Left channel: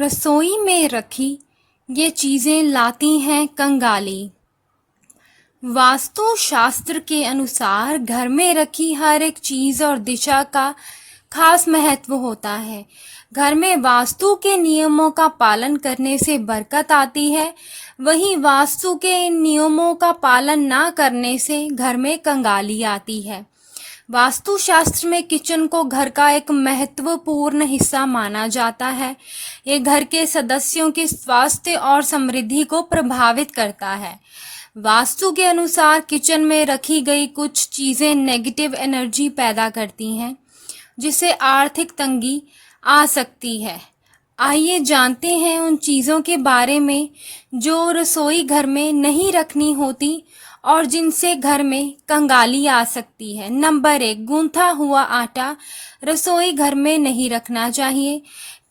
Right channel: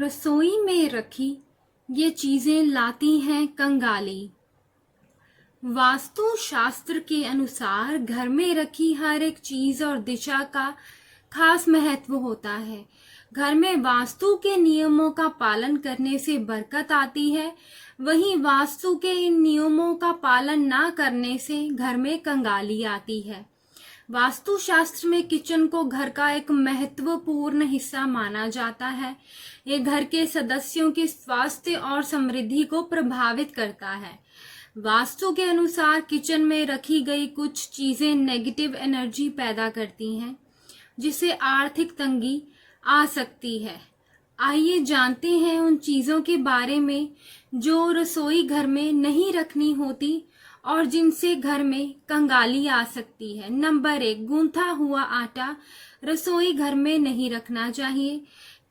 रसोई में रखी ये चीजें लाती हैं कंगाली। वास्तु शास्त्र के अनुसार घर में रखी हर एक चीज और दिशा का खास महत्व होता है। घर में वास्तु के नियमों का पालन करने से बरकत आती है, वहीं वास्तु के इन नियमों का पालन ना करने से घर में कंगाली आती है। वास्तु शास्त्र में किचन को घर का एक महत्वपूर्ण हिस्सा माना जाता है। ये घर के सदस्यों के स्वास्थ्य और समृद्धि को प्रभावित करता है। वास्तु के अनुसार किचन में रखी गई कुछ चीजें नेगेटिव एनर्जी पैदा करती हैं, जिससे आर्थिक तंगी आ सकती है। आइए जानते हैं उन चीजों के बारे में जो रसोई घर में नहीं रखनी होती और जिनसे घर में कंगाली आ सकती है। नंबर 1, गूंथा हुआ आटा रसोई घर में नहीं रखना चाहिए।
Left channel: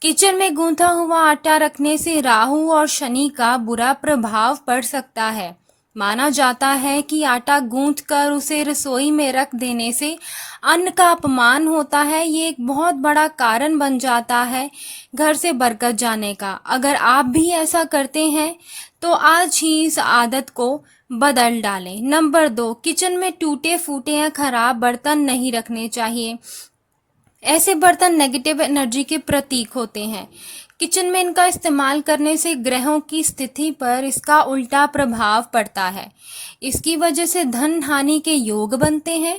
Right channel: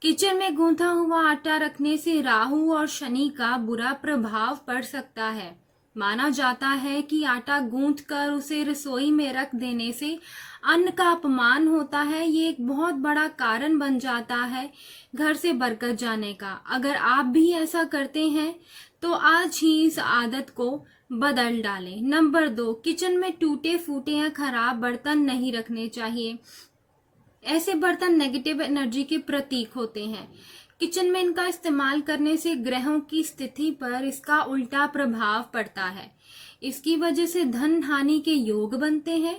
किचन में गूंथा हुआ आटा रखने से राहु और शनि का बुरा प्रभाव पड़ सकता है। माना जाता है कि आटा गूंथ कर उसे रसोई में रख देने से अन्न का अपमान होता है। ये एक बहुत बड़ा कारण बन जाता है घर से बरकत जाने का। अगर आप भी ऐसा करते हैं तो आज ही इस आदत को बदल डालें। नंबर 2, किचन में टूटे फूटे या खराब बर्तन नहीं रखने चाहिए। ऐसे बर्तन नेगेटिव एनर्जी के प्रतीक होते हैं। किचन में इनका इस्तेमाल करने से ग्रहों की स्थिति पर इसका उल्टा प्रभाव पड़ता है। इसकी वजह से धन हानि के योग बनते हैं।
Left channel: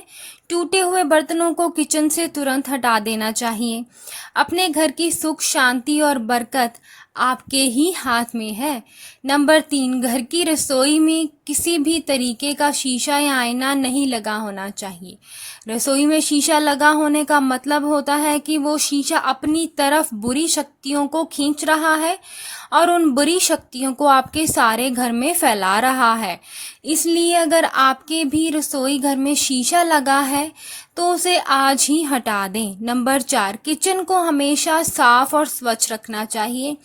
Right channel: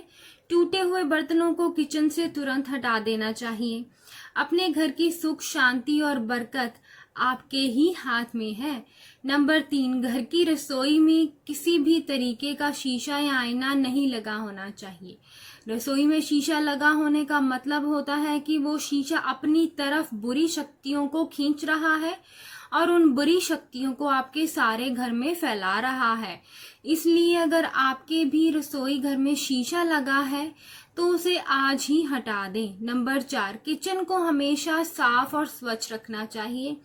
टूटे हुए बर्तनों को किचन से तुरंत हटा देना चाहिए। अपने घर की सुख शांति और बरकत आपके ही हाथ में है। नंबर 3, घर की रसोई में किसी भी तरीके का शीशा या आईना नहीं लगा होना चाहिए। रसोई में शीशा लगा होने का मतलब होता है कि वो शीशा अपनी तरफ बुरी शक्तियों को खींच रहा है और उन बुरी शक्तियों को आपके सारे घर में फैला रहा है। इसलिए अगर आपके भी रसोई घर में शीशा लगा है तो उसे आज ही हटा दें। नंबर 4, किचन को हमेशा साफ और स्वच्छ रखना चाहिए।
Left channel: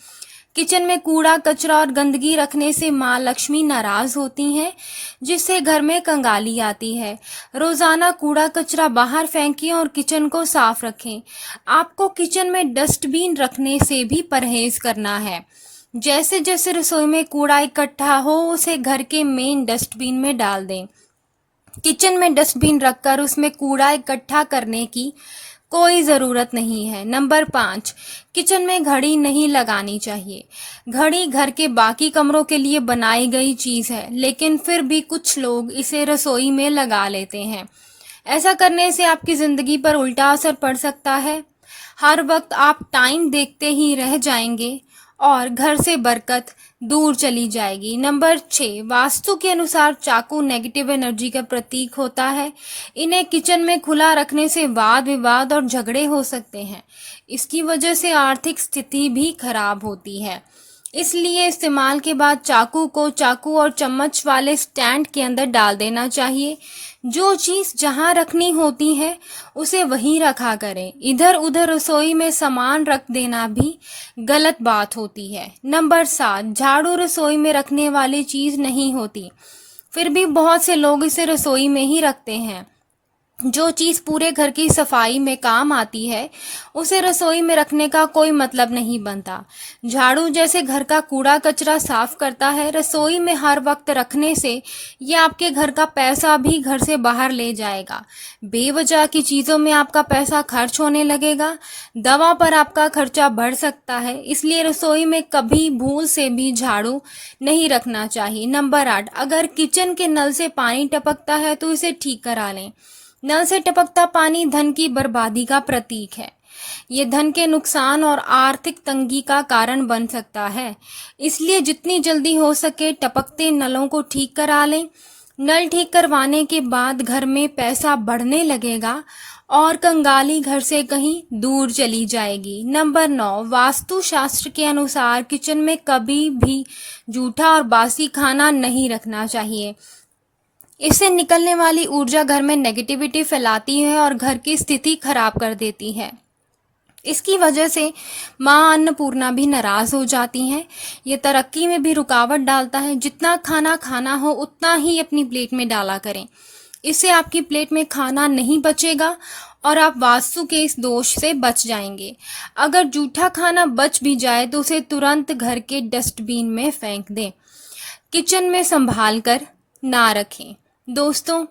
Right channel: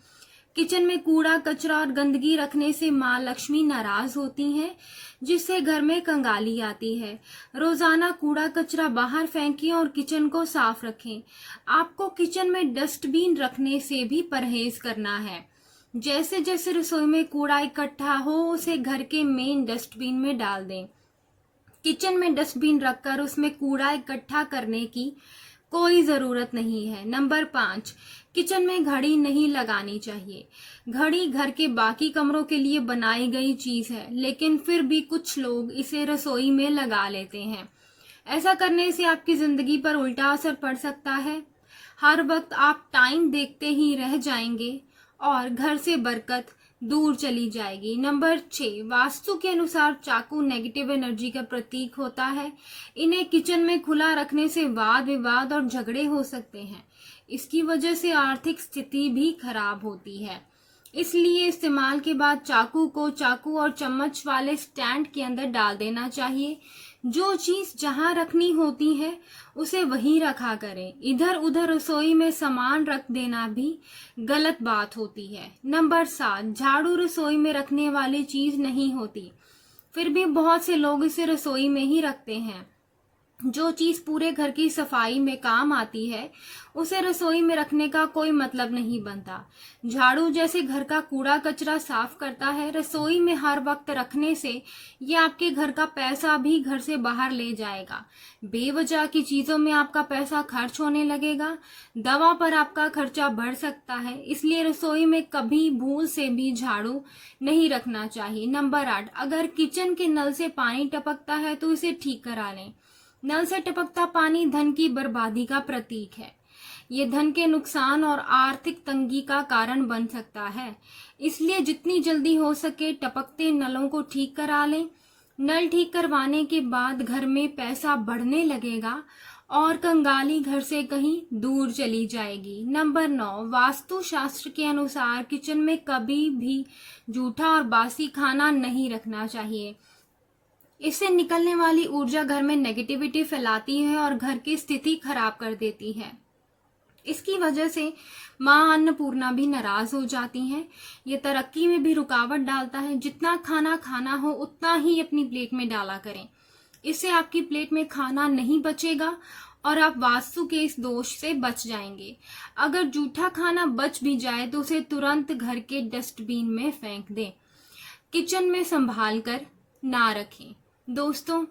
किचन में कूड़ा कचरा और गंदगी रखने से माँ लक्ष्मी नाराज होती हैं, जिससे घर में कंगाली आती है। रोजाना कूड़ा कचरा बाहर फेंकें और किचन को साफ रखें। आपको किचन में डस्टबिन रखने से भी परहेज करना है। जैसे जैसे रसोई में कूड़ा इकट्ठा हो उसे घर के मेन डस्टबिन में डाल दें। किचन में डस्टबिन रखकर उसमें कूड़ा इकट्ठा करने की कोई ज़रूरत नहीं है। नंबर 5, किचन में घड़ी नहीं लगानी चाहिए। घड़ी घर के बाकी कमरों के लिए बनाई गई चीज़ है, लेकिन फिर भी कुछ लोग इसे रसोई में लगा लेते हैं। ऐसा करने से आपकी ज़िंदगी पर उल्टा असर पड़ सकता है। हर वक्त आप टाइम देखते ही रह जाएंगे और घर से बरकत दूर चली जाएगी। नंबर 6, वास्तु के अनुसार चाकू नेगेटिव एनर्जी का प्रतीक होता है। इन्हें किचन में खुला रखने से वाद विवाद और झगड़े हो सकते हैं। इसकी वजह से आर्थिक स्थिति भी खराब होती है। इसलिए इस्तेमाल के बाद चाकू को चाकू और चम्मच वाले स्टैंड के अंदर डाल देना चाहिए। जो चीज़ जहाँ रखनी होती है उसे वहीं रखा करें। इधर उधर रसोई में सामान रख देना भी गलत बात होती है। नंबर 7, झाड़ू रसोई में रखने वाली चीज़ नहीं होती, फिर भी बहुत से लोग इसे रसोई में ही रखते हैं। जो चीज़ पूरे घर की सफाई में काम आती है उसे रसोई में रखने का कोई मतलब नहीं बनता। झाड़ू जैसे घर का कूड़ा कचरा साफ करता है, रसोई में हर वक्त रखने से ये आपके घर का पैसा भी घर से बाहर ले जाएगा। बेवजह की चीज़ों में आपका पैसा खर्च होने लगेगा। दवा पर आपका खर्चा बढ़ सकता है। इसलिए रसोई में कभी भूल से भी झाड़ू नहीं रखना चाहिए। नंबर 8, अगर किचन के नल से पानी टपकता है तो इसे ठीक करा लें। नल से टपकता पानी धन की बर्बादी का प्रतीक है। ये धन के नुकसान और आर्थिक तंगी का कारण बन सकता है। इसलिए जितनी जल्दी हो सके टपकते नलों को ठीक करा लें। नल ठीक करवाने के बाद घर में पैसा बढ़ने लगेगा और कंगाली घर से कहीं दूर चली जाएगी। नंबर 9, वास्तु शास्त्र के अनुसार किचन में कभी भी जूठा और बासी खाना नहीं रखना चाहिए। इससे निकलने वाली ऊर्जा घर में नेगेटिविटी फैलाती है और घर की स्थिति खराब कर देती है। इसकी वजह से माँ अन्नपूर्णा भी नाराज हो जाती हैं। ये तरक्की में भी रुकावट डालता है। जितना खाना खाना हो उतना ही अपनी प्लेट में डाला करें। इससे आपकी प्लेट में खाना नहीं बचेगा और आप वास्तु के इस दोष से बच जाएंगे। अगर जूठा खाना बच भी जाए तो उसे तुरंत घर के डस्टबिन में फेंक दें। किचन में संभाल कर ना रखें। दोस्तों,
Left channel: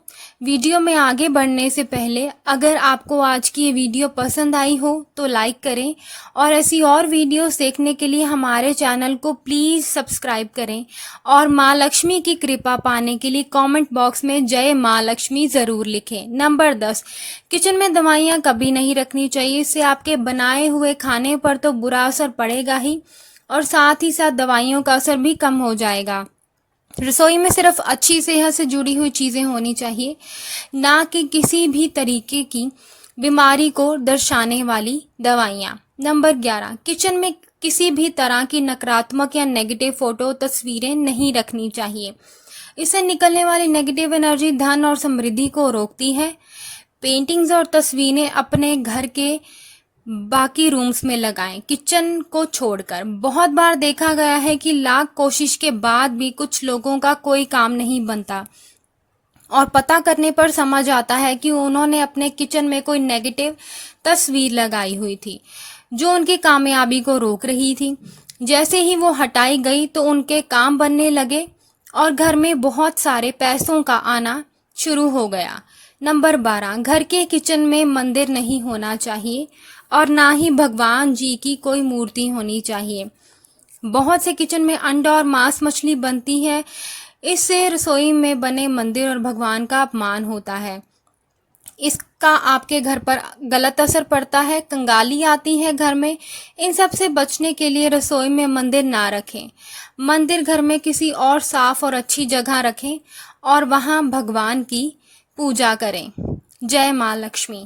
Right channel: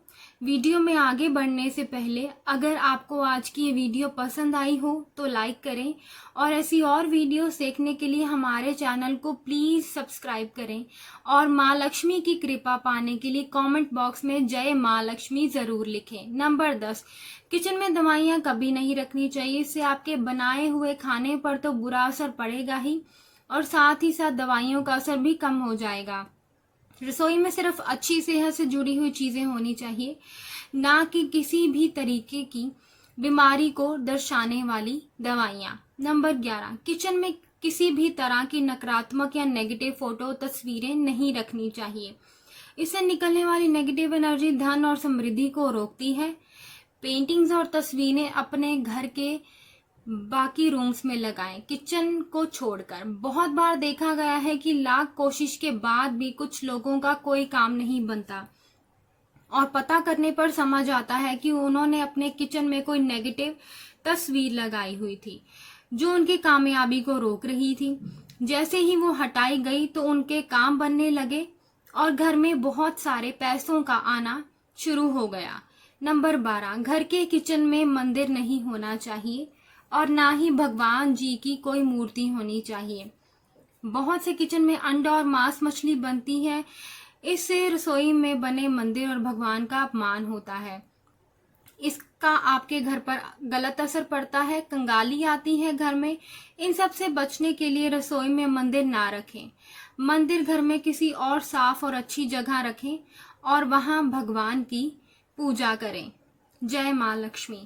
वीडियो में आगे बढ़ने से पहले अगर आपको आज की ये वीडियो पसंद आई हो तो लाइक करें और ऐसी और वीडियोस देखने के लिए हमारे चैनल को प्लीज़ सब्सक्राइब करें और माँ लक्ष्मी की कृपा पाने के लिए कमेंट बॉक्स में जय माँ लक्ष्मी ज़रूर लिखें। नंबर 10, किचन में दवाइयाँ कभी नहीं रखनी चाहिए। इससे आपके बनाए हुए खाने पर तो बुरा असर पड़ेगा ही और साथ ही साथ दवाइयों का असर भी कम हो जाएगा। रसोई में सिर्फ अच्छी सेहत से जुड़ी हुई चीज़ें होनी चाहिए, ना कि किसी भी तरीके की बीमारी को दर्शाने वाली दवाइयाँ। नंबर 11, किचन में किसी भी तरह की नकारात्मक या नेगेटिव फोटो तस्वीरें नहीं रखनी चाहिए। इससे निकलने वाली नेगेटिव एनर्जी धन और समृद्धि को रोकती है। पेंटिंग्स और तस्वीरें अपने घर के बाकी रूम्स में लगाएं, किचन को छोड़कर। बहुत बार देखा गया है कि लाख कोशिश के बाद भी कुछ लोगों का कोई काम नहीं बनता और पता करने पर समझ आता है कि उन्होंने अपने किचन में कोई नेगेटिव तस्वीर लगाई हुई थी जो उनकी कामयाबी को रोक रही थी। जैसे ही वो हटाई गई तो उनके काम बनने लगे और घर में बहुत सारे पैसों का आना शुरू हो गया। नंबर 12, घर के किचन में मंदिर नहीं होना चाहिए और ना ही भगवान जी की कोई मूर्ति होनी चाहिए। बहुत से किचन में अंडा और मांस मछली बनती है। इससे रसोई में बने मंदिर और भगवान का अपमान होता है। इसका आपके घर पर गलत असर पड़ता है, कंगाली आती है घर में। इन सब से बचने के लिए रसोई में मंदिर ना रखें। मंदिर घर में किसी और साफ और अच्छी जगह रखें और वहाँ भगवान की पूजा करें। जय माँ लक्ष्मी।